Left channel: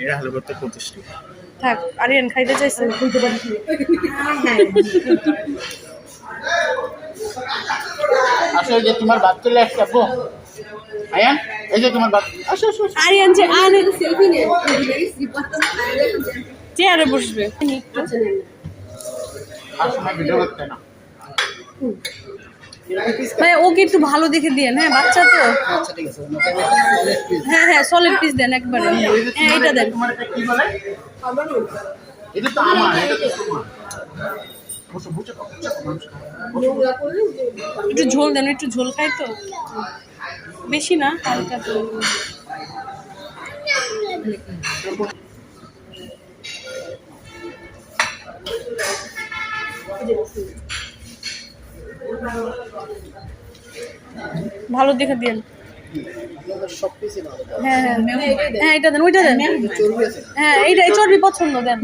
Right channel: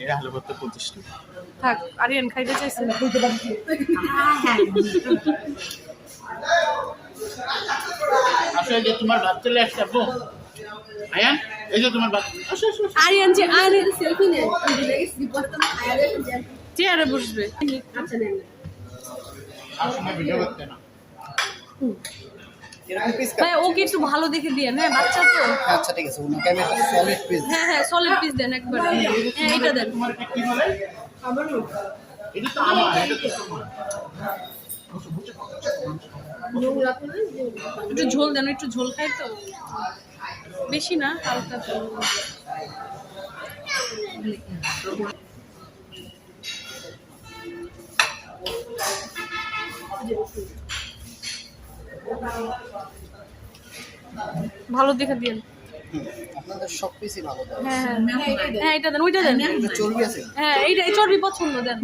এটা আলু ভর্তা 25 টাকা। থাক আরিয়ান খাইতে চাইছে আসো এই যে তোমার ভাত চলে আসছে আপু। আয়ান এই যে তোমার ভাত। আসো আসো আসো। আরিয়ান যে চেয়ারে বসবে আসো না ভিডিও করতে না। ভাই ওকে একটু ভালো দেখে দিয়েন হ্যাঁ বাচ্চা তো আচ্ছা ঠিক আছে ওনাকে আমি একটা সলিড পিস হ্যাঁ হ্যাঁ সলিড পিস দেন একবারে হ্যাঁ এটা দেন তোমার এটা কি বলে? এটা তো আমার, এটা তো তোমার। বসো বসো একটু ঝোল দেন একটু ঝোল খাই তো বেশি না হালকা তো ভালো দেখে দিন আপনাদের সব পিসই ভালো দাও হ্যাঁ হ্যাঁ হ্যাঁ এটা দেন ওইটা দেন চর্বি আছে হ্যাঁ এইটা চর্বি পছন্দ দেন